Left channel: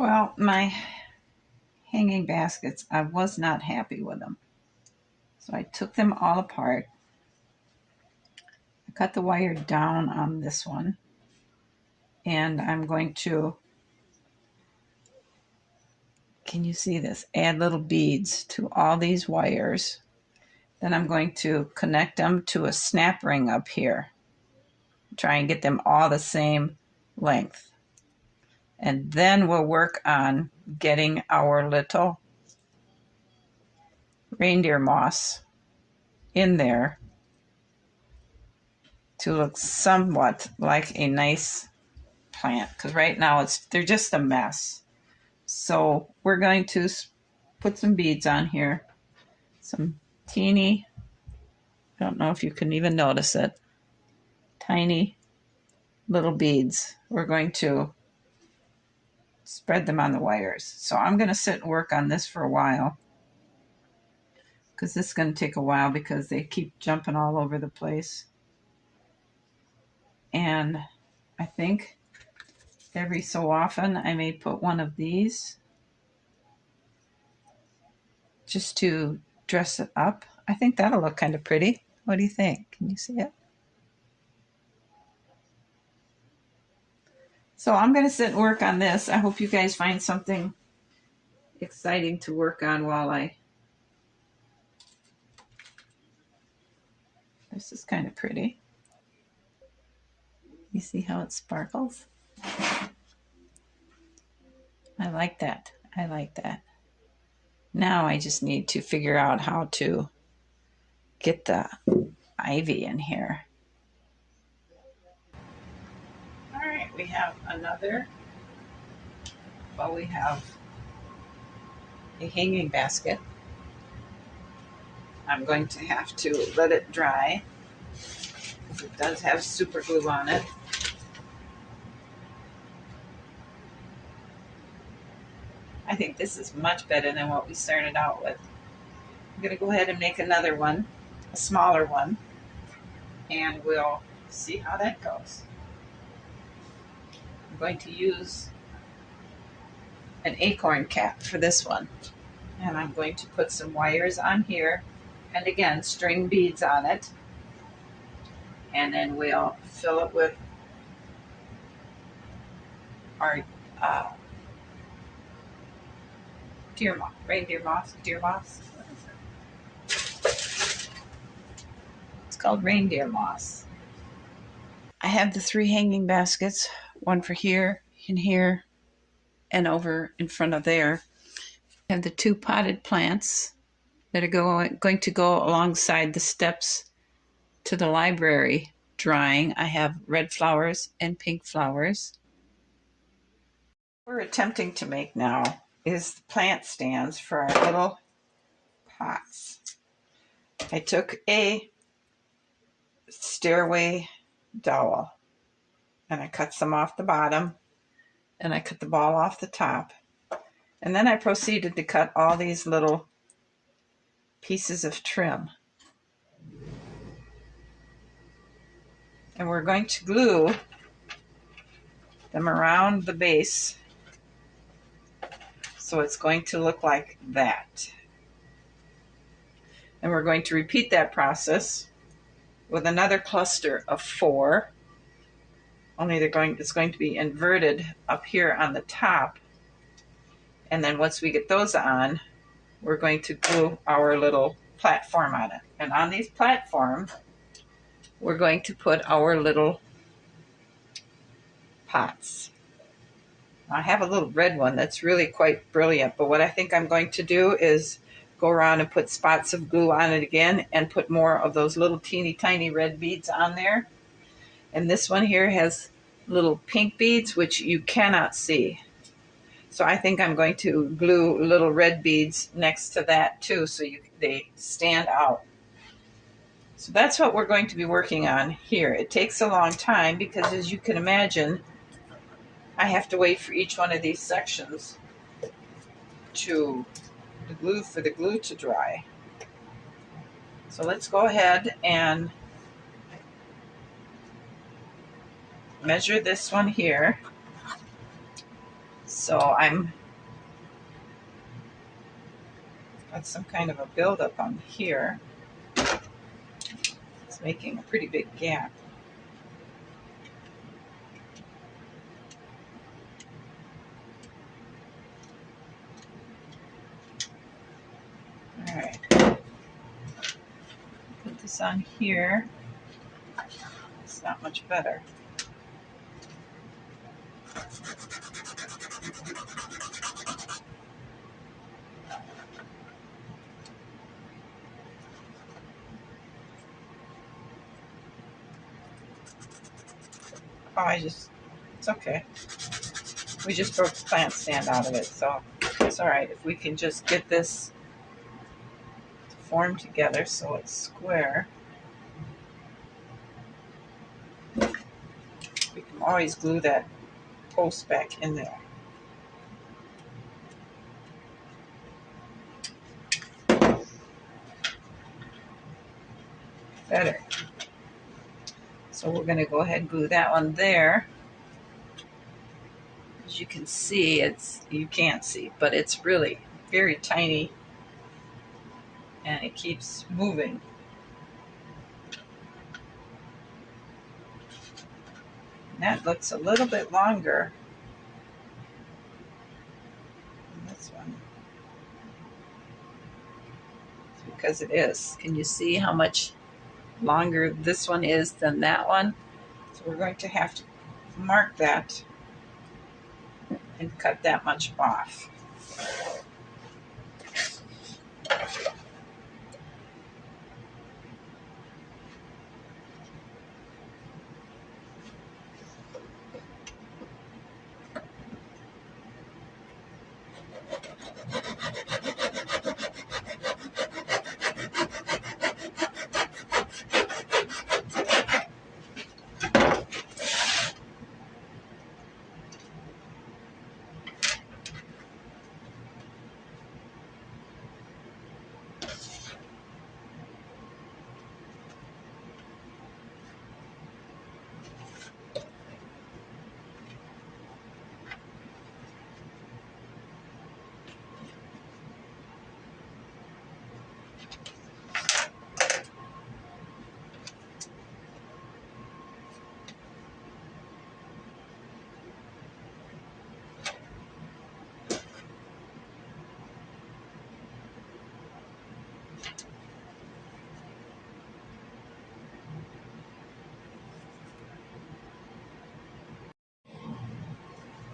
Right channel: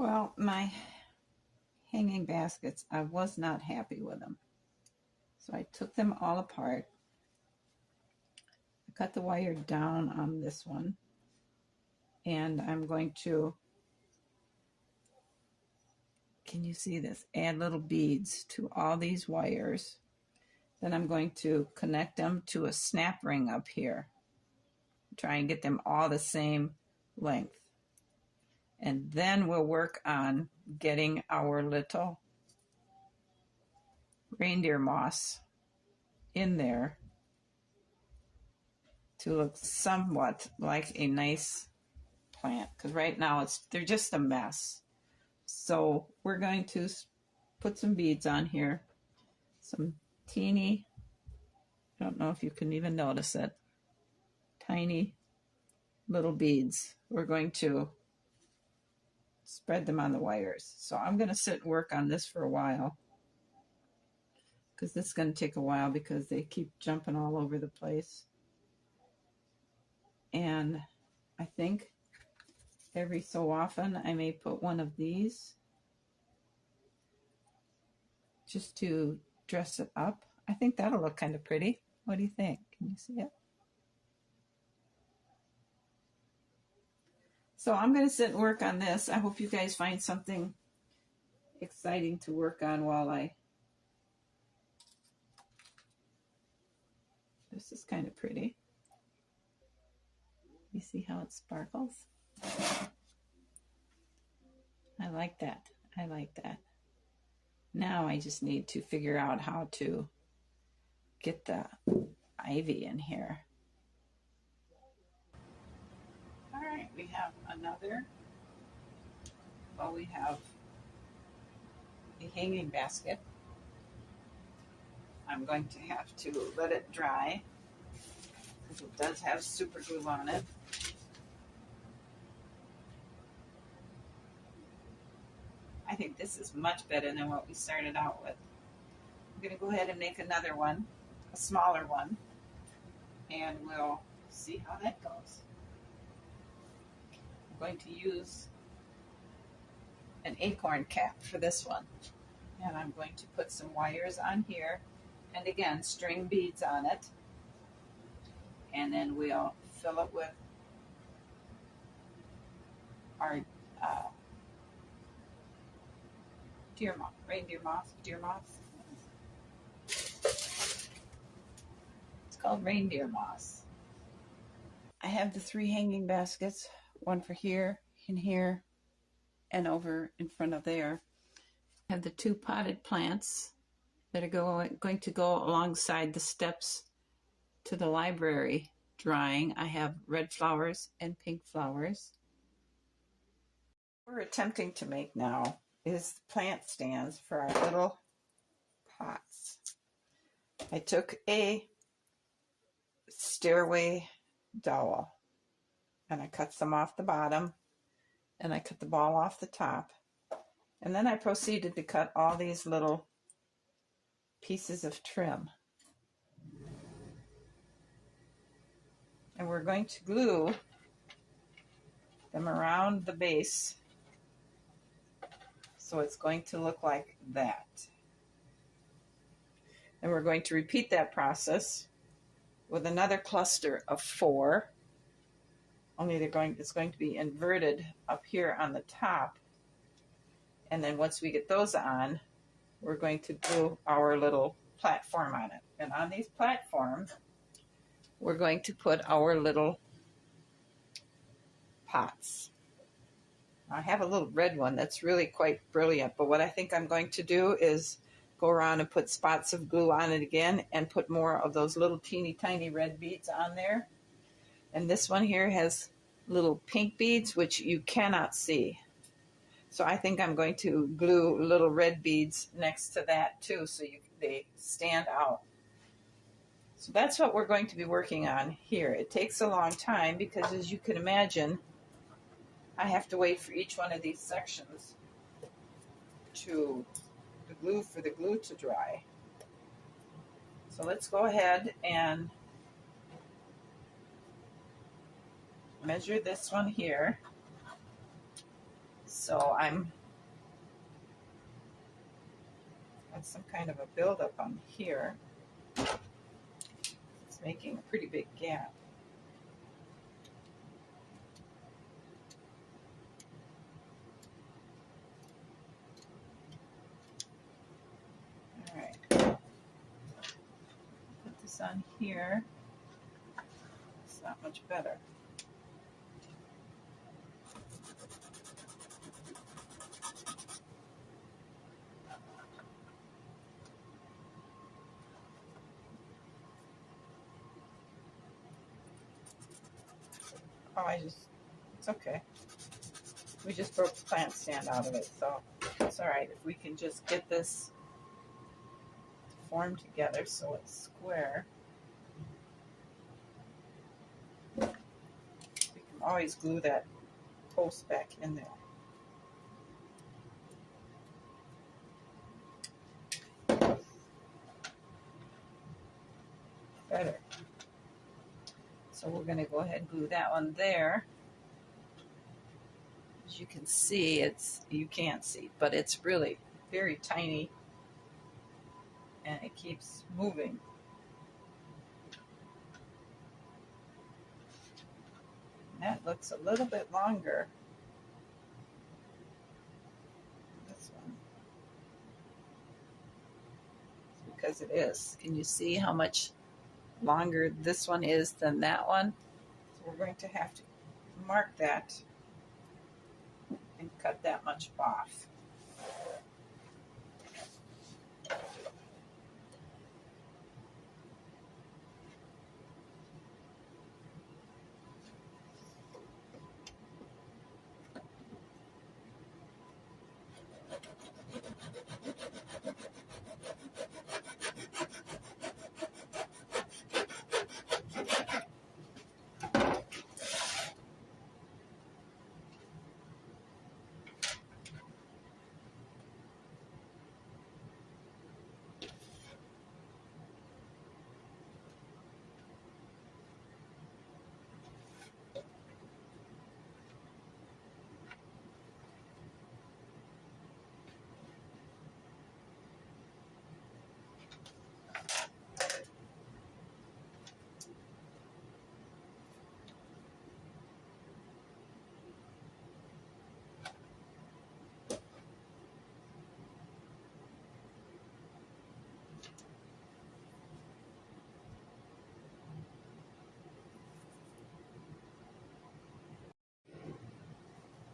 Well, my hanging baskets, I was not happy with them. So I took them all apart. I cut the wire down on this one. And I'm going to, can you see this? Add little beads to all these wires. Then I'm going to connect them to a snap ring up here. Try and get them all the same length. And then we'll work on getting our little reindeer moss in there to look somewhat like a nice plant, because right now they're just a mess. So we're going to put some beads on here, some teeny, I don't know if you can even notice it, tiny little beads. We're going to spread them on the wires. So I'm going to sit and work on this for a while, because this is going to take a while because they keep jumping all over the place. And I think every so often I may put one of these just to dress it up. I think that'll look kind of pretty. What do you think? Can you see it? So I'm going to sit and work on this. I hope you guys find something exciting to work on while this is kind of pretty. You see how it sparkles? I like that. I like that. Now I just need to figure out how to get the ivy in here. All right, we have another, well, we have a hanging basket. I'm going to have to let it dry, because it does have super glue on it. I think this is much better than what we started out with. I'm going to go ahead and make another one, a smaller one, and we'll see how that goes. I'm going to use an acorn cap for this one, and I'm going to put some wires on here, and again, string beads on it, and then we'll fill it with our reindeer moss. What is it? It's called reindeer moss. I have the 3 hanging baskets, one for here, in here, and over in front of there. I have the 2 potted plants that are going to go alongside the steps to the library drying. I have red flowers and pink flowers. What we're attempting to make now is the plant stands for our little pots. I took a stairway dowel and I cut some off the bottom, and I cut the ball off the top, and then I proceeded to cut all these little pieces of trim, and we're going to glue them around the base, so it's going to look like that. And we're going to repeat that process with another cluster of 4, only it's going to be inverted up here on the top. And then once we get those on, we're going to glue our little platform on it. And on these platforms, we're going to put our little pots. I have a little red one that's really quite brilliant, but what I think I'm going to do is go around and put spots of glue on it again and put more of those little teeny tiny red beads on there. And this one here has little pink beads, which you cannot see. So I think I'm going to glue little red beads next to that too, so they stand out. So that's what we're going to be working on here. It takes a long time because, as you can imagine, I have to wait for each one of these sections for the glue to dry. So let's go ahead and measure this one here. So I'm got some kind of a buildup on here. It's making a pretty big gap. All right, put this on here. It's not much better. Oh, it's okay. We just broke the plant stand out of it, so it's all right. If we can just get this to form together so it's square, we can always glue that post back in there. Better. So we're going to go ahead and glue that one there. As you can see, you can't see, but it's really very tiny and it keeps moving. And that looks a little bit longer than this one. It's because it is. Can you see how much longer this one is than that one? So we're going to have to mark that and cut that much off.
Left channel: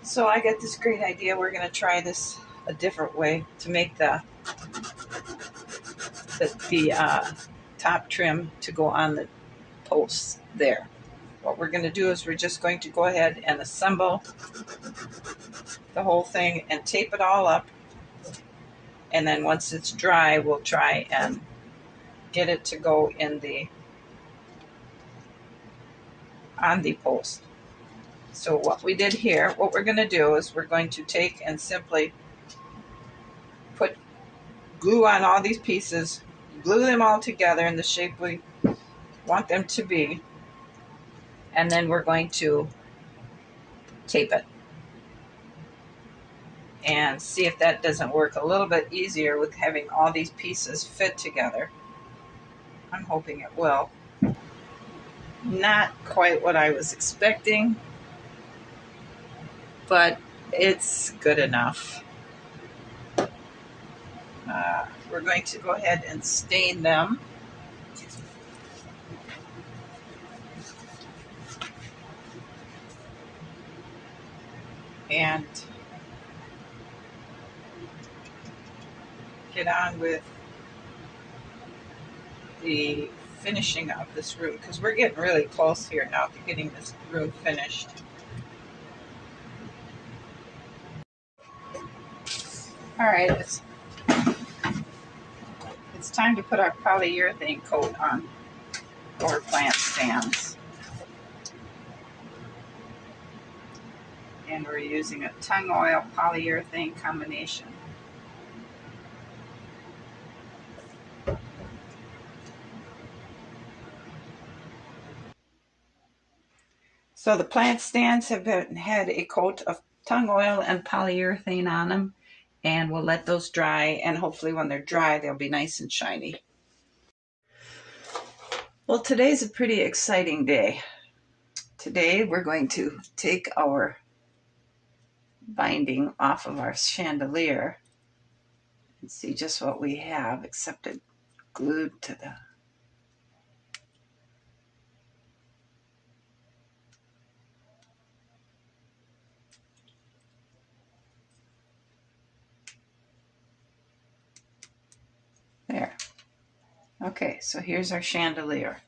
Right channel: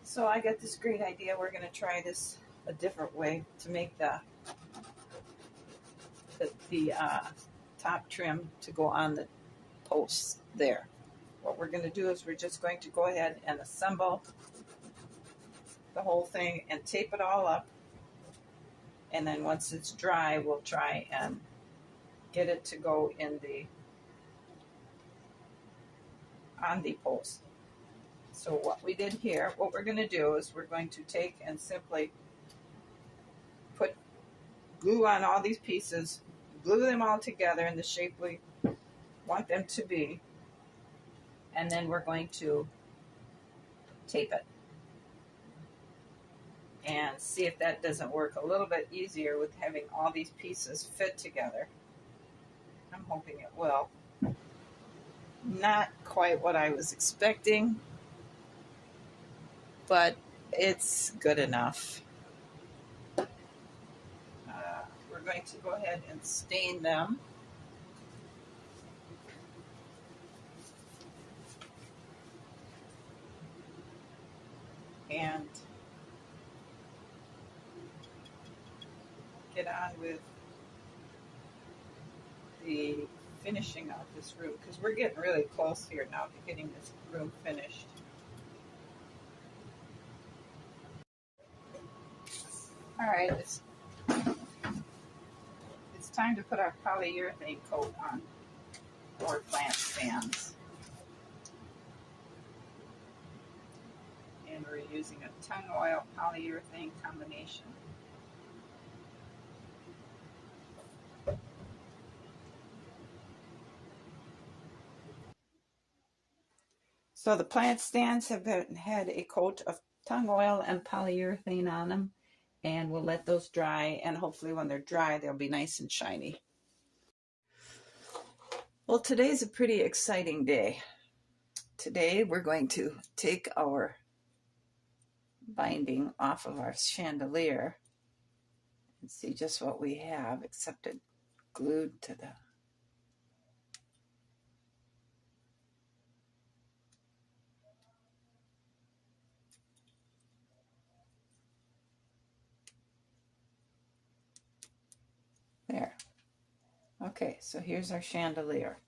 So I got this great idea. We're going to try this a different way to make the top trim to go on the posts there. What we're going to do is we're just going to go ahead and assemble the whole thing and tape it all up. And then once it's dry, we'll try and get it to go in on the post. So what we did here, what we're going to do is we're going to take and simply put glue on all these pieces, glue them all together in the shape we want them to be, and then we're going to tape it and see if that doesn't work a little bit easier with having all these pieces fit together. I'm hoping it will. Not quite what I was expecting, but it's good enough. We're going to go ahead and stain them. And get on with the finishing of this room, because we're getting really close here now to getting this room finished. All right, it's time to put our polyurethane coat on our plant stands. And we're using a tung oil polyurethane combination. So the plant stands have had a coat of tung oil and polyurethane on them, and we'll let those dry, and hopefully when they're dry they'll be nice and shiny. Well, today's a pretty exciting day. Today we're going to take our binding off of our chandelier and see just what we have, except it glued to the there. Okay, so here's our chandelier.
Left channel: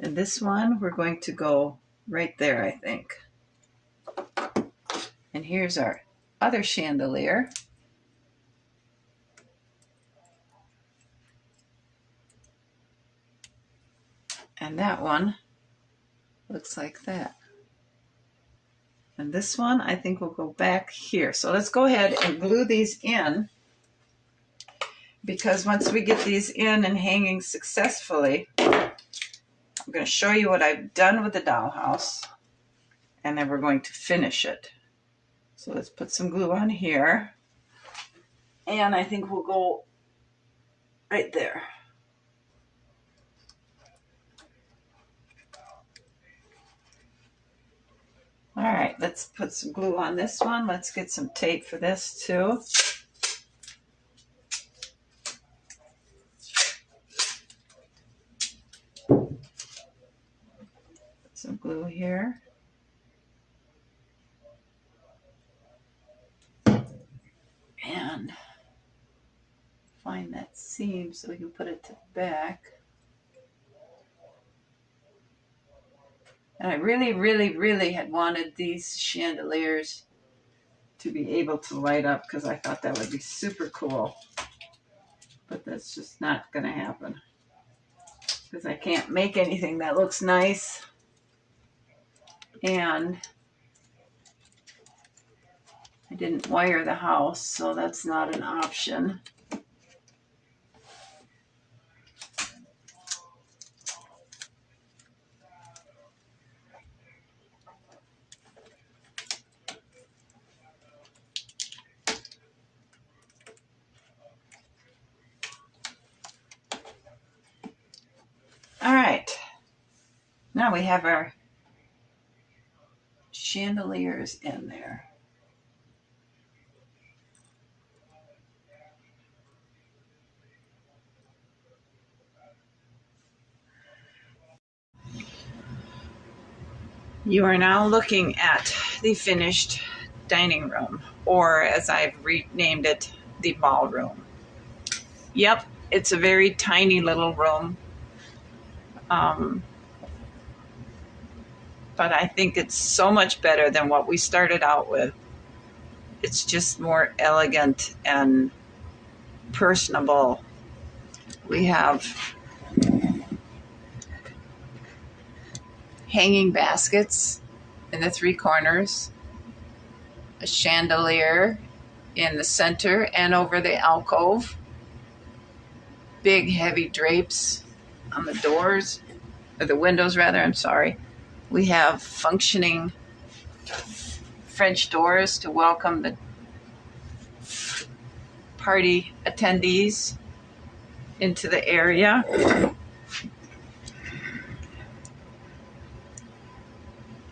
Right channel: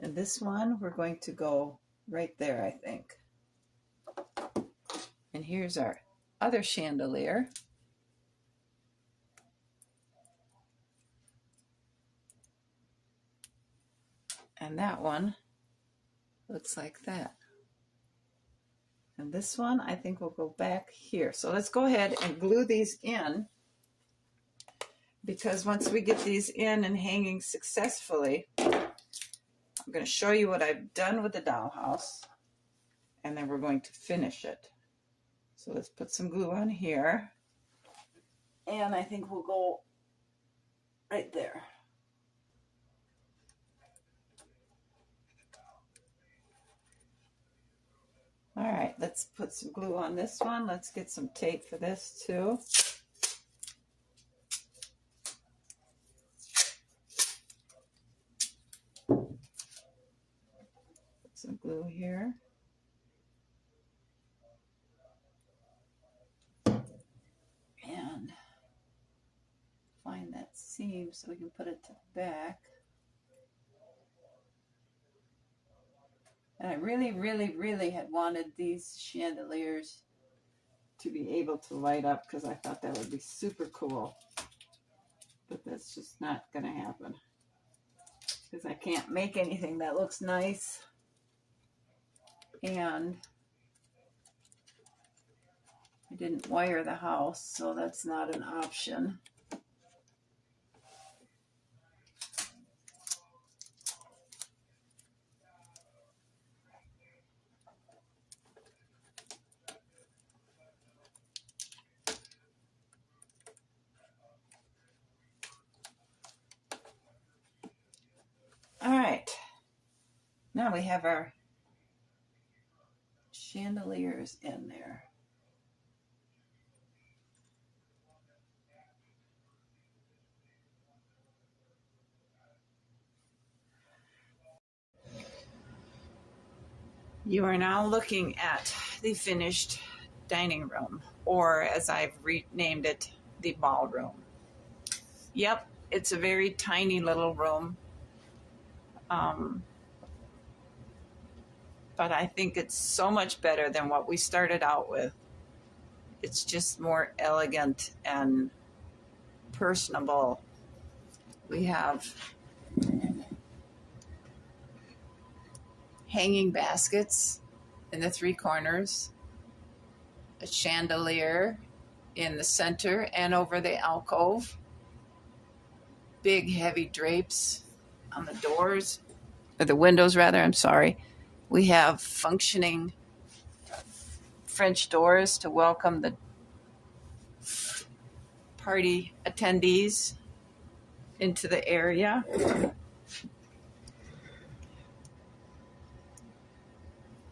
And this one, we're going to go right there, I think. And here's our other chandelier. And that one looks like that. And this one, I think will go back here. So let's go ahead and glue these in, because once we get these in and hanging successfully, I'm going to show you what I've done with the dollhouse, and then we're going to finish it. So let's put some glue on here, and I think we'll go right there. All right, let's put some glue on this one. Let's get some tape for this too. Put some glue here. And find that seam so we can put it to the back. And I really had wanted these chandeliers to be able to light up, because I thought that would be super cool. But that's just not going to happen, because I can't make anything that looks nice. And I didn't wire the house, so that's not an option. All right, now we have our chandeliers in there. You are now looking at the finished dining room, or as I've renamed it, the ballroom. Yep, it's a very tiny little room. But I think it's so much better than what we started out with. It's just more elegant and personable. We have hanging baskets in the three corners, a chandelier in the center and over the alcove, big heavy drapes on the doors, or the windows rather, I'm sorry. We have functioning French doors to welcome the party attendees into the area.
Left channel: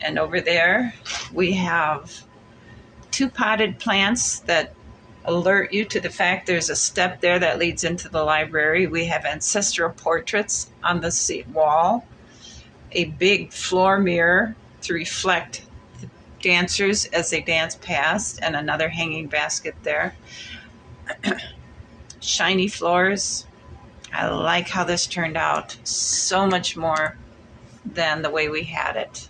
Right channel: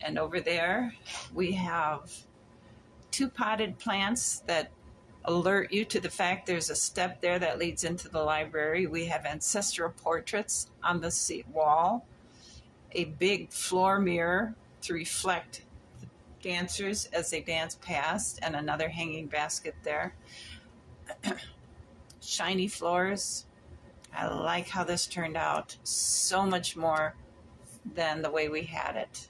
And over there, we have two potted plants that alert you to the fact there's a step there that leads into the library. We have ancestral portraits on the seat wall, a big floor mirror to reflect the dancers as they dance past, and another hanging basket there. Shiny floors. I like how this turned out. So much more than the way we had it.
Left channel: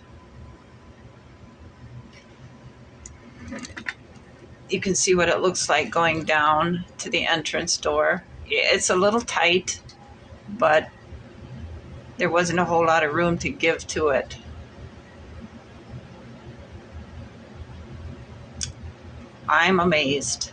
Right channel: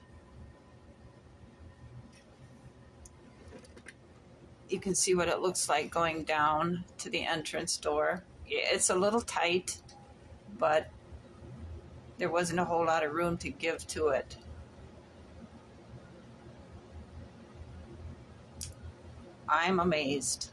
You can see what it looks like going down to the entrance door. It's a little tight, but there wasn't a whole lot of room to give to it. I'm amazed.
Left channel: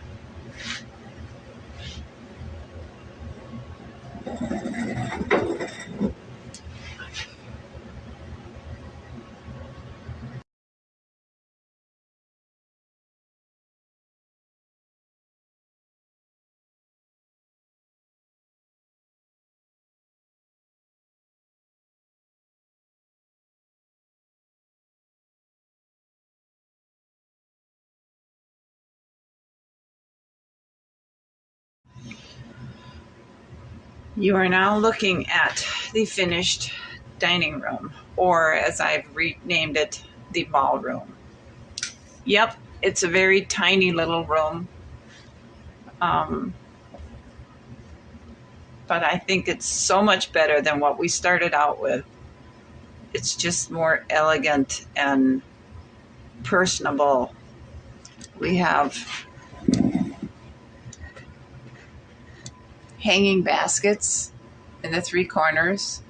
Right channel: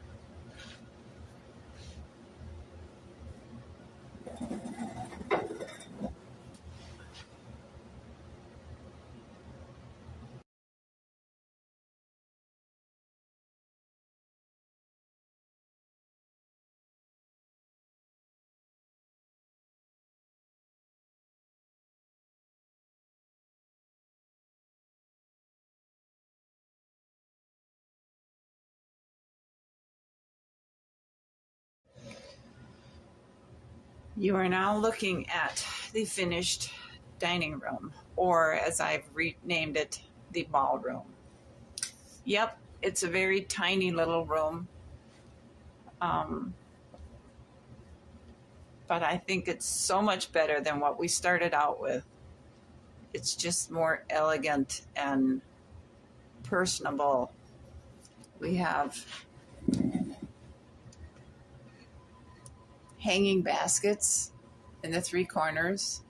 You are now looking at the finished dining room, or as I've renamed it, the ballroom. Yep, it's a very tiny little room. But I think it's so much better than what we started out with. It's just more elegant and personable. We have hanging baskets in the three corners,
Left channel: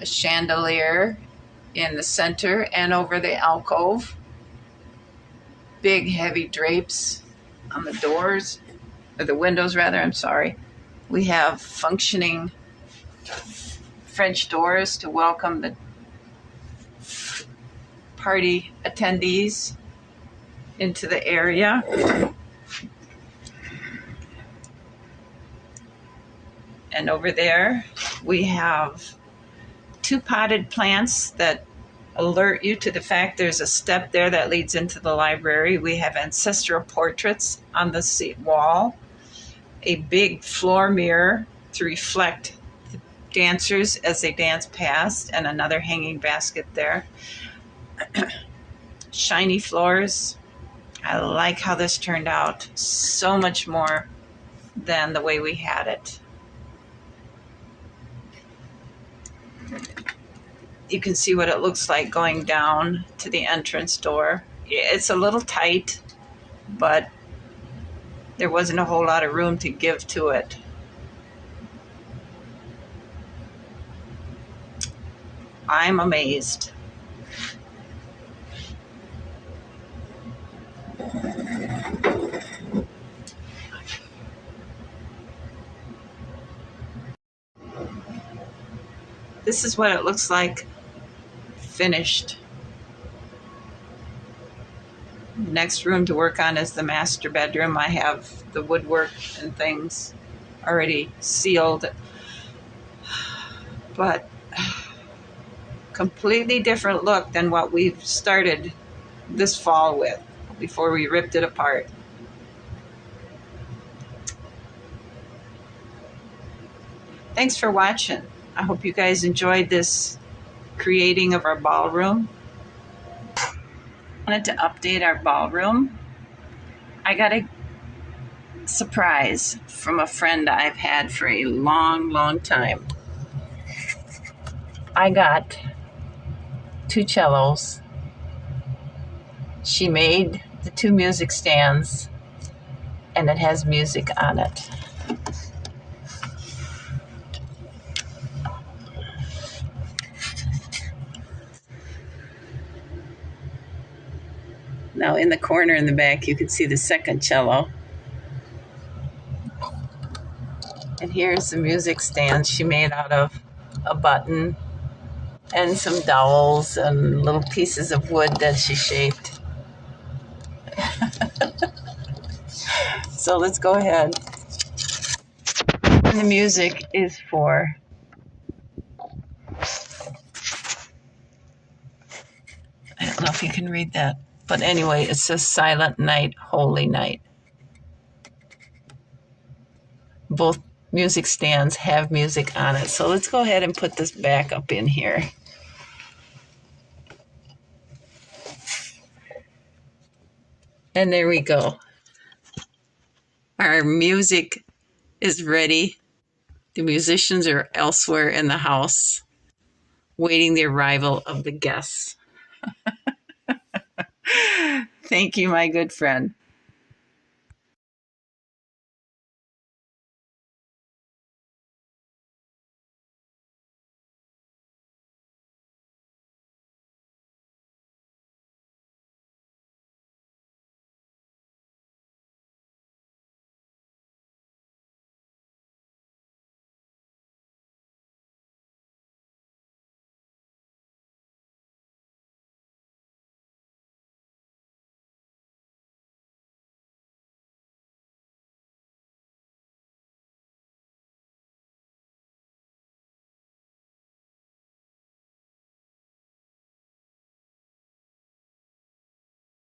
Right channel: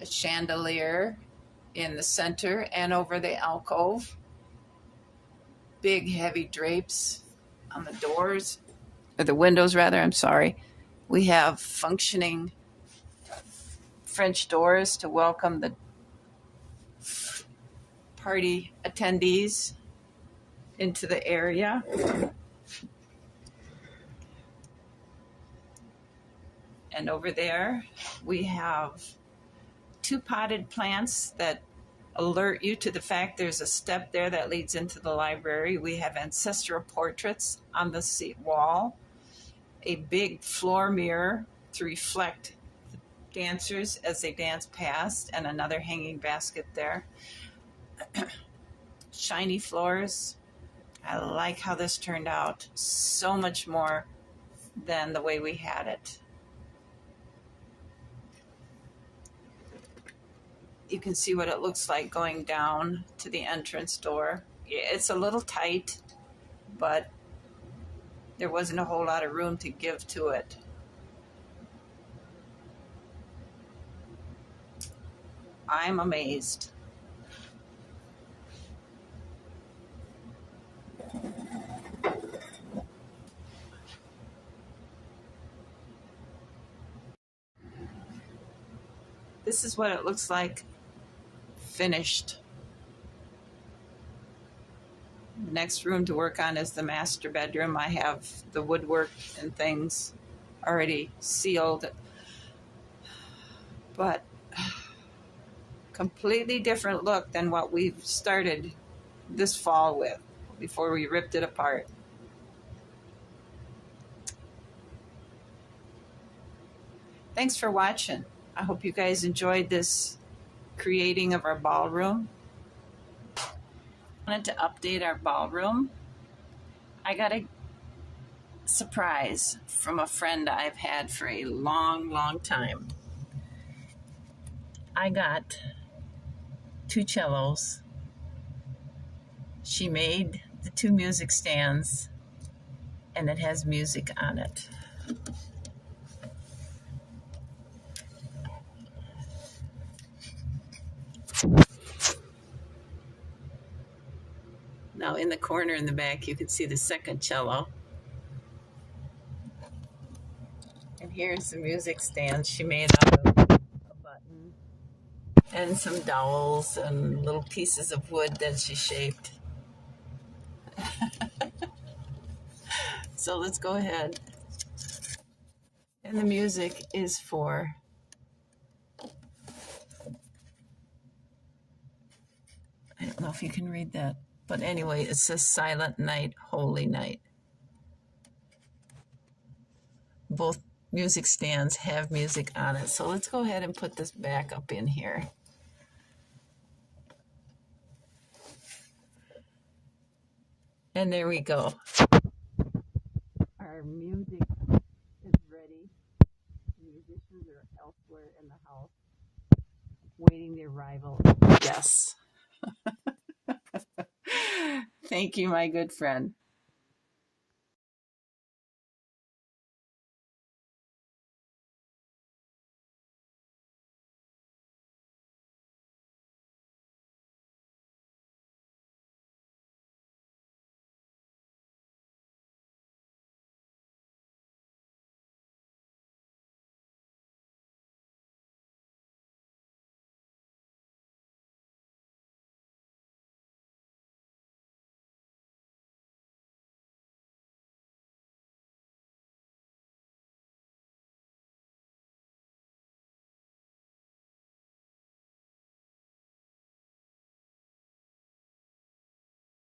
a chandelier in the center and over the alcove, big heavy drapes on the doors, or the windows rather, I'm sorry. We have functioning French doors to welcome the party attendees into the area. And over there, we have two potted plants that alert you to the fact there's a step there that leads into the library. We have ancestral portraits on the wall, a big floor mirror to reflect the dancers as they dance past, and another hanging basket there. Shiny floors. I like how this turned out. So much more than the way we had it. You can see what it looks like going down to the entrance door. It's a little tight, but there wasn't a whole lot of room to give to it. I'm amazed. This is what it looks like finished. Next room to work on is the master bedroom. I have the woodwork and things already sealed, but completely different look than what we've started this fall with before we ripped it apart. Thanks for watching. I hope you guys enjoyed this creating of our ballroom. I wanted to update our ballroom. I got a surprise from a friend I've had for a long time. I got 2 cellos. She made the 2 music stands, and it has music on it. Now in the corner in the back, you can see the second cello. And here's the music stand she made out of a button and some dowels and little pieces of wood that she shaped. So let's go ahead. And the music is for I don't know if you can read that. But anyway, it says Silent Night, Holy Night. Both music stands have music on it. So let's go ahead and put this back up in here. And there we go. Our music is ready. The musicians are elsewhere in the house, waiting the arrival of the guests. Thank you, my good friend.